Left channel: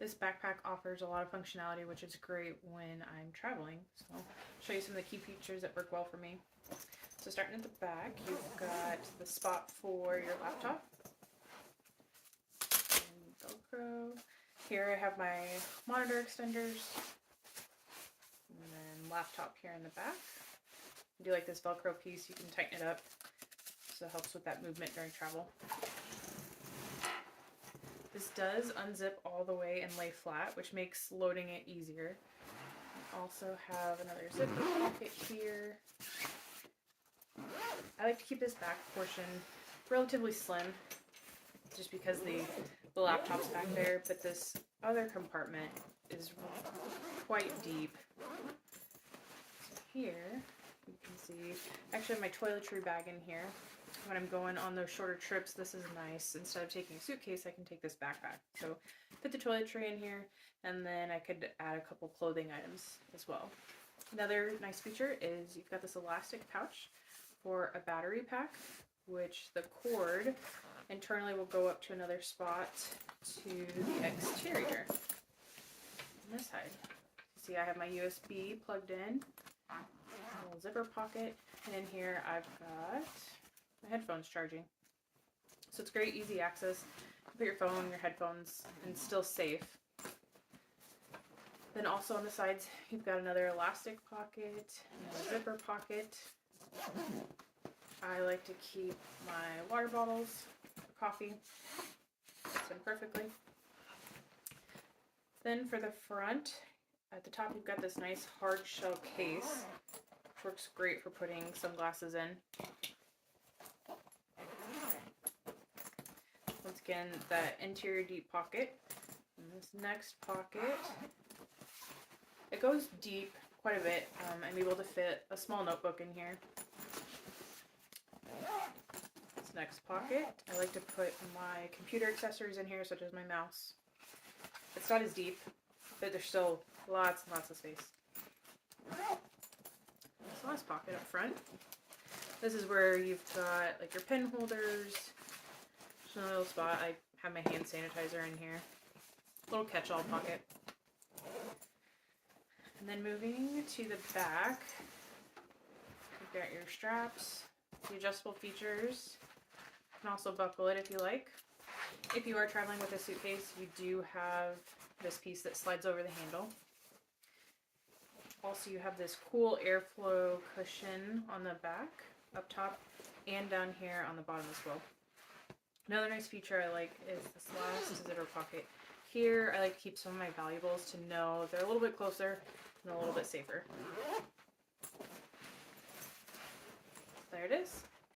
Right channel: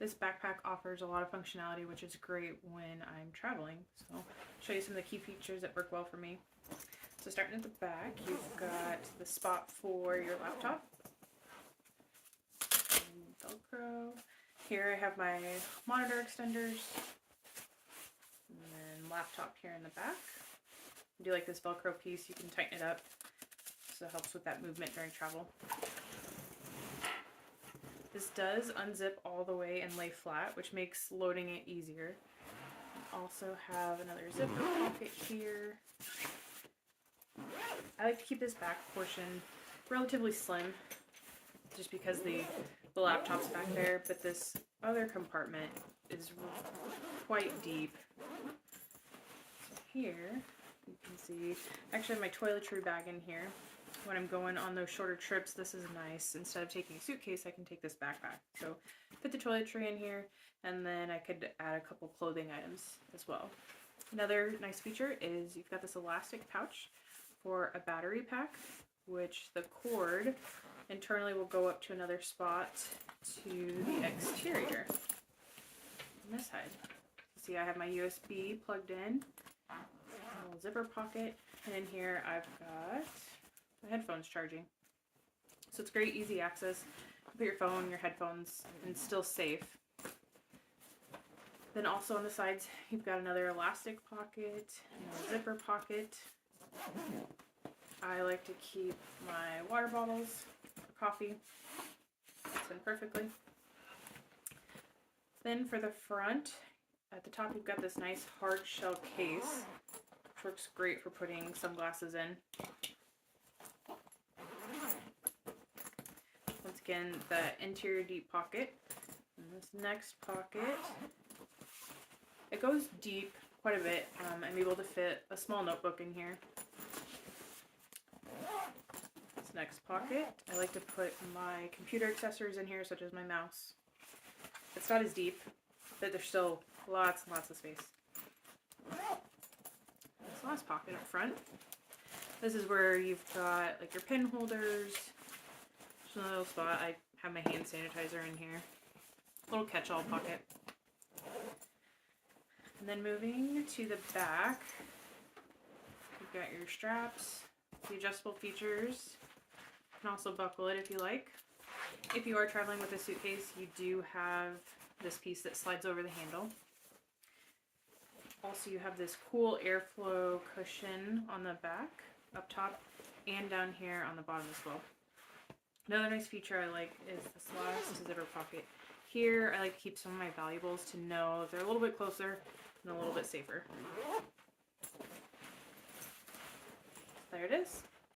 This backpack offers a lot of functionality, which is great when I'm traveling. So I'll show you some of the key features that work well for me. So starting at the back, you've got the spot for your laptop. And Velcro. Here I have my monitor extenders. And laptop here in the back. I do like this Velcro piece, you can tighten it up. So it helps with that movement during travel. This does unzip all the way and lay flat, which makes loading it easier. Also have another zipper pocket here. I like to keep this back portion relatively slim, just because the laptop's back there, but this other compartment is quite deep. So here, you can see, I actually have my toiletry bag in here. When I'm going on those shorter trips, this is nice. Instead of taking a suitcase, I can take this backpack. So put the toiletry in here, and then I could add a couple clothing items as well. Another nice feature is you've got this elastic pouch for a battery pack, which the cord internally will go up to another spot to the exterior. On this side, you see I have my USB plugged in, a little zipper pocket, and in here I've got my headphones charging. So it's great, easy access. Put your phone, your headphones, and still safe. Then also on the sides, you've got another elastic pocket, and a zipper pocket. I like to keep my water bottles, coffee, fits in perfectly. Then for the front, at the top you've got this nice hard shell case, which works great for putting sunglasses in. Once again, the interior deep pocket. And this next pocket, it goes deep quite a bit. I'm able to fit a small notebook in here. This next pocket, I like to put my computer accessories in here, such as my mouse. It's not as deep, but there's still lots and lots of space. This last pocket up front. This is where you've got like your pen holders. Just a little spot. I have my hand sanitizer in here. Little catch-all pocket. And then moving to the back, you've got your straps, the adjustable features. You can also buckle it if you like. If you are traveling with a suitcase, you do have this piece that slides over the handle. Also, you have this cool airflow cushion on the back, up top, and down here on the bottom as well. Another nice feature I like is this last zipper pocket. Here, I like to keep some of my valuables to know they're a little bit closer and a little bit safer. There it is.